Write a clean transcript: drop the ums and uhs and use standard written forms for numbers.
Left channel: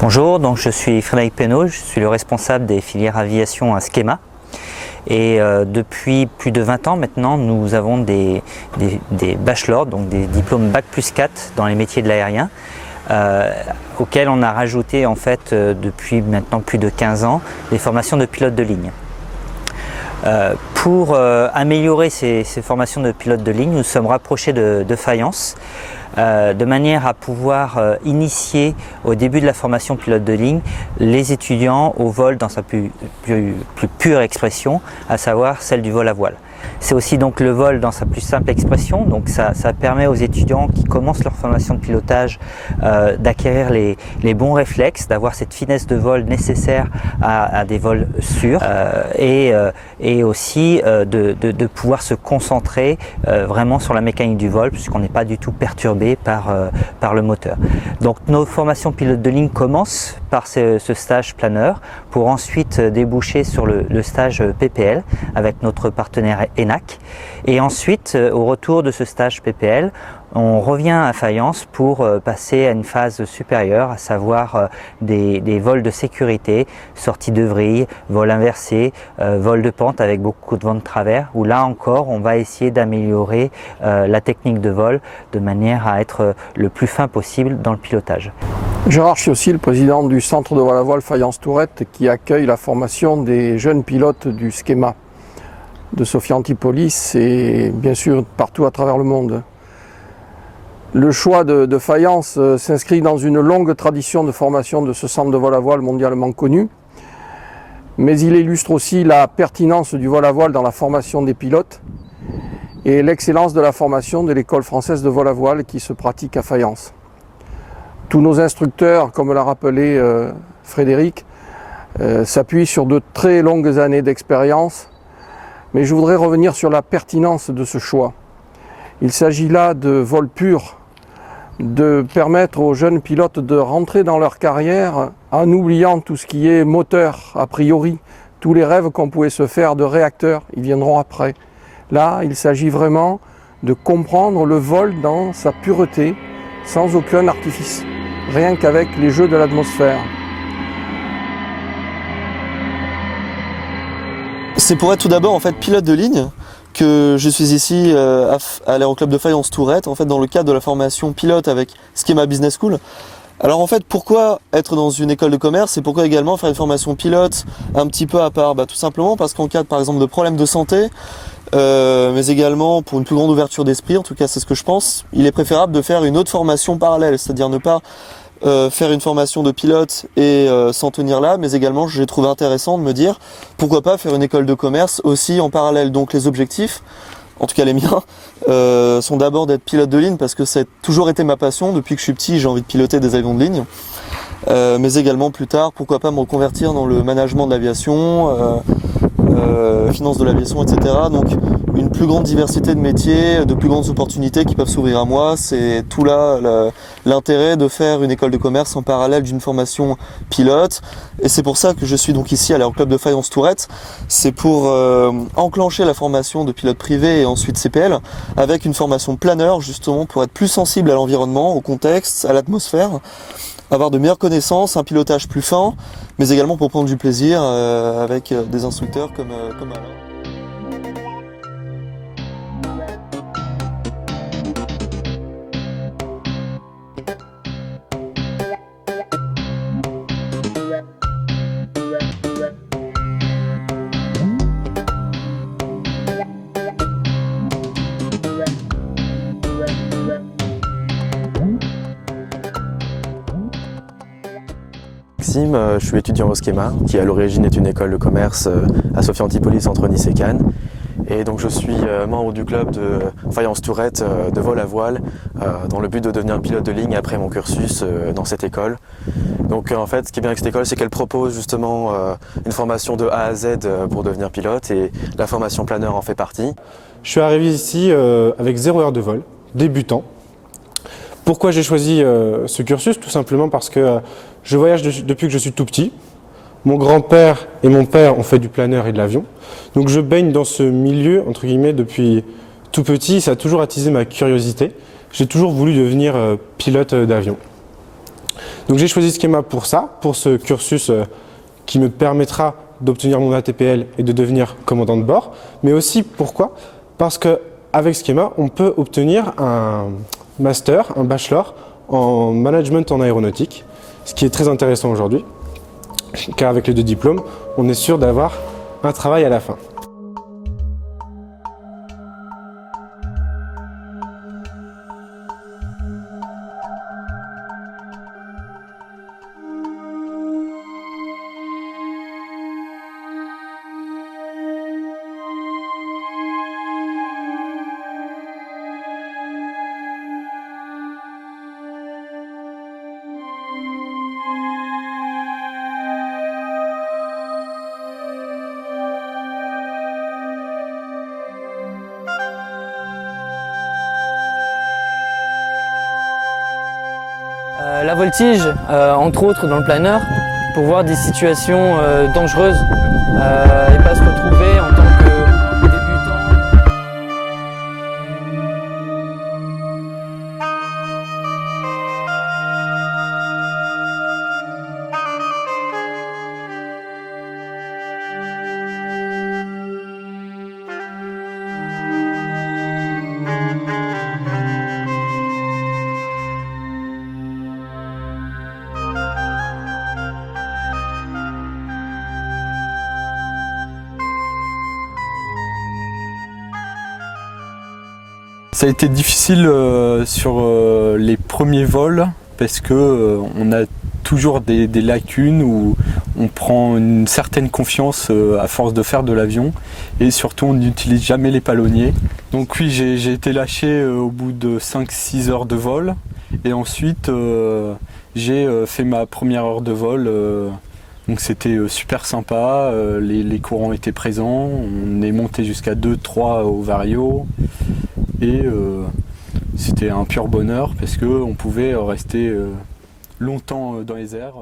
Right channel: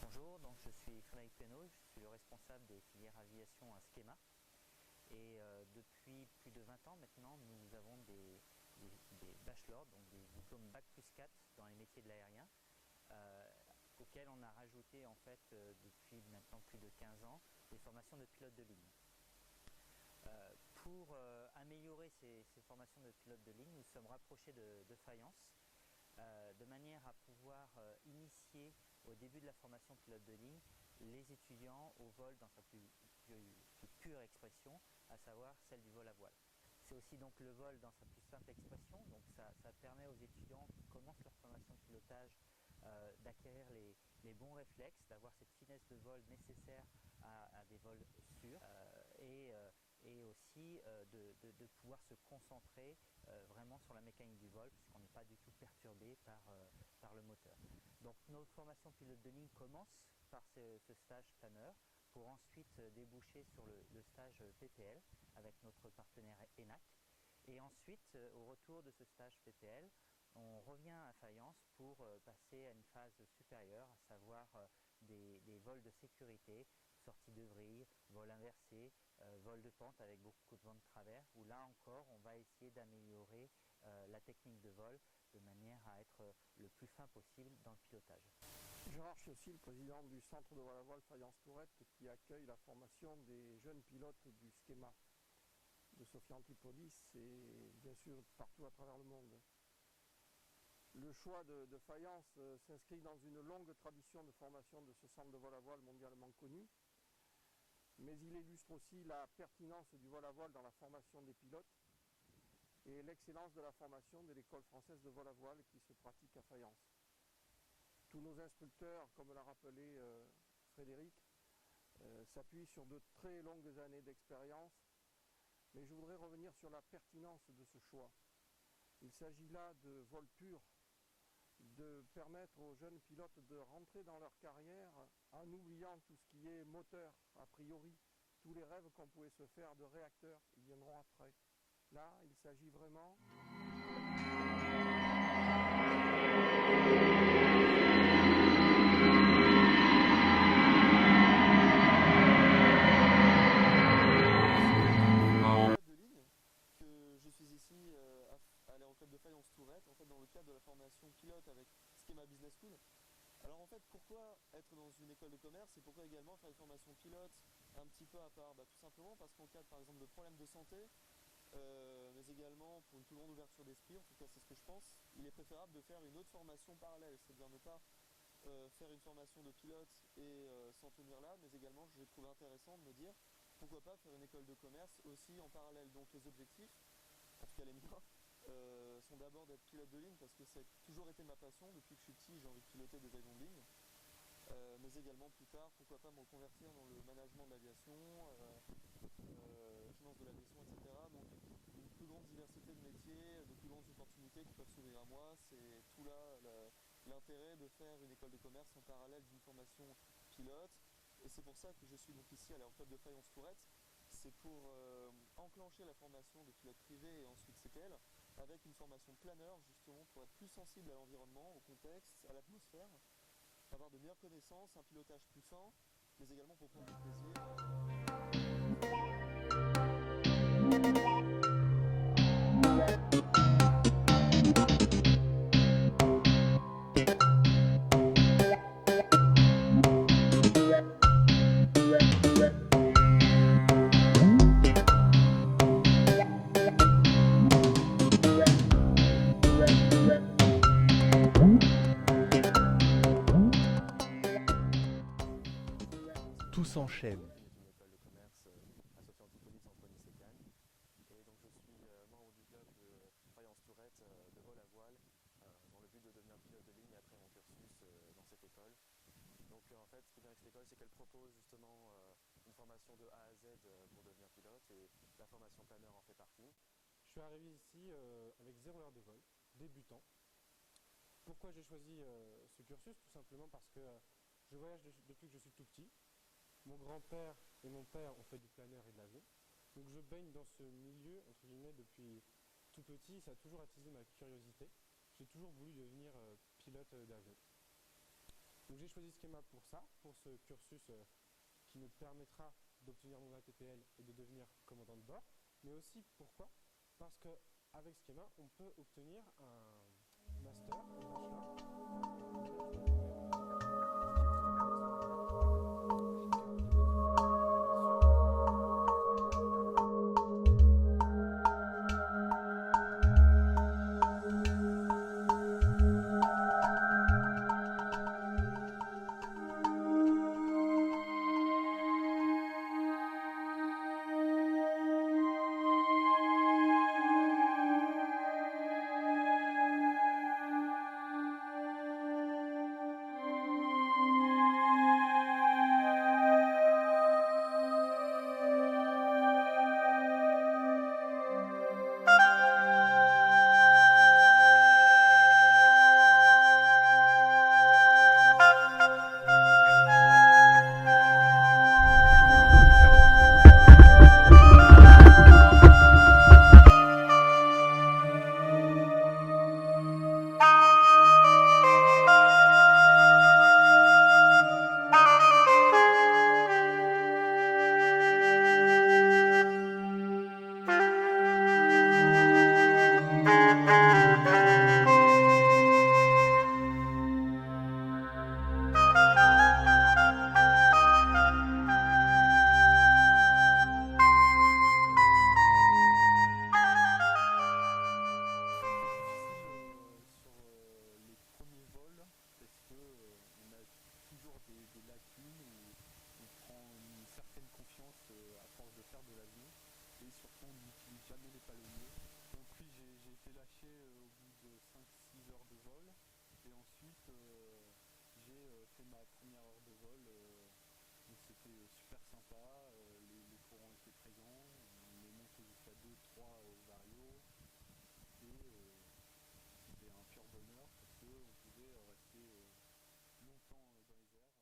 Bonjour, donc je suis Frédéric Pénaud, je suis le responsable des filières aviation à Skema. Et depuis plus de 20 ans maintenant, nous avons des bachelors, donc des diplômes Bac plus 4 dans les métiers de l'aérien, auxquels on a rajouté en fait depuis maintenant plus de 15 ans des formations de pilote de ligne. Pour améliorer ces formations de pilote de ligne, nous sommes rapprochés de Fayence, de manière à pouvoir initier au début de la formation pilote de ligne les étudiants au vol dans sa plus pure expression, à savoir celle du vol à voile. C'est aussi donc le vol dans sa plus simple expression, donc ça permet aux étudiants qui commencent leur formation de pilotage d'acquérir les bons réflexes, d'avoir cette finesse de vol nécessaire à des vols sûrs et aussi de pouvoir se concentrer vraiment sur la mécanique du vol puisqu'on n'est pas du tout perturbé par le moteur. Donc nos formations pilote de ligne commencent par ce stage planeur pour ensuite déboucher sur le stage PPL avec notre partenaire ENAC. Et ensuite, au retour de ce stage PPL, on revient à Fayence pour passer à une phase supérieure, à savoir des vols de sécurité, sortie de vrille, vol inversé, vol de pente avec beaucoup de vent de travers, où là encore on va essayer d'améliorer la technique de vol de manière à être le plus fin possible dans le pilotage. Gérard Chiossi, le président du centre de vol à voile Fayence-Tourette, qui accueille la formation des jeunes pilotes du Skema de Sophia Antipolis et bien sûr partout à travers le monde. Le choix de Fayence s'inscrit dans une longue tradition de formation de ce centre de vol à voile mondialement connu, mais il illustre aussi la pertinence du vol à voile dans la formation des pilotes et l'excellence de la formation de l'école française de vol à voile qui se pratique à Fayence. Tous nos instructeurs, comme l'a rappelé Frédéric, s'appuient sur de très longues années d'expérience, mais je voudrais revenir sur la pertinence de ce choix. Il s'agit là de vol pur, de permettre aux jeunes pilotes de rentrer dans leur carrière en oubliant tout ce qui est moteur a priori. Tous les rêves qu'on pouvait se faire de réacteurs, ils viendront après. Là, il s'agit vraiment de comprendre le vol dans sa pureté, sans aucun artifice, rien qu'avec les jeux de l'atmosphère. C'est pour être tout d'abord en fait pilote de ligne que je suis ici à l'Aéroclub de Fayence-Tourette, en fait dans le cadre de la formation pilote avec Skema Business School. Alors en fait, pourquoi être dans une école de commerce et pourquoi également faire une formation pilote un petit peu à part? Tout simplement parce qu'en cas par exemple de problèmes de santé, mais également pour une plus grande ouverture d'esprit, en tout cas c'est ce que je pense, il est préférable de faire une autre formation parallèle, c'est-à-dire ne pas faire une formation de pilote et s'en tenir là, mais également j'ai trouvé intéressant de me dire pourquoi pas faire une école de commerce aussi en parallèle. Donc les objectifs, en tout cas les miens, sont d'abord d'être pilote de ligne parce que ça a toujours été ma passion. Depuis que je suis petit, j'ai envie de piloter des avions de ligne, mais également plus tard, pourquoi pas me reconvertir dans le management de l'aviation, finance de l'aviation, etc. Donc une plus grande diversité de métiers, de plus grandes opportunités qui peuvent s'ouvrir à moi. C'est tout là l'intérêt de faire une école de commerce en parallèle d'une formation pilote. Et c'est pour ça que je suis donc ici à l'Aéroclub de Fayence-Tourette. C'est pour enclencher la formation de pilote privé et ensuite CPL avec une formation planeur justement pour être plus sensible à l'environnement, au contexte, à l'atmosphère, avoir de meilleures connaissances, un pilotage plus fin, mais également pour prendre du plaisir avec des instructeurs comme Alain. Je suis étudiant au Skema, qui à l'origine est une école de commerce à Sophia Antipolis entre Nice et Cannes. Et donc je suis membre du club de Fayence-Tourette de vol à voile dans le but de devenir pilote de ligne après mon cursus dans cette école. Donc en fait, ce qui est bien avec cette école, c'est qu'elle propose justement une formation de A à Z pour devenir pilote et la formation planeur en fait partie. Je suis arrivé ici avec 0 heure de vol, débutant. Pourquoi j'ai choisi ce cursus? Tout simplement parce que je voyage depuis que je suis tout petit. Mon grand-père et mon père ont fait du planeur et de l'avion. Donc je baigne dans ce milieu, entre guillemets, depuis tout petit. Ça a toujours attisé ma curiosité. J'ai toujours voulu devenir pilote d'avion. Donc j'ai choisi Schema pour ça, pour ce cursus qui me permettra d'obtenir mon ATPL et de devenir commandant de bord. Mais aussi, pourquoi? Parce qu'avec Schema, on peut obtenir un master, un bachelor en management en aéronautique, ce qui est très intéressant aujourd'hui. Car avec les 2 diplômes, on est sûr d'avoir un travail à la fin. La voltige, entre autres dans le planeur, pour voir des situations dangereuses et pas se retrouver en tant que débutant. Ça a été difficile sur les premiers vols parce que on a toujours des lacunes où on prend une certaine confiance à force de faire de l'avion et surtout on n'utilise jamais les palonniers. Donc oui, j'ai été lâché au bout de 5-6 heures de vol et ensuite j'ai fait ma première heure de vol. Donc c'était super sympa, les courants étaient présents, on est monté jusqu'à 2-3 au Vario. Et c'était un pur bonheur parce qu'on pouvait rester longtemps dans les airs.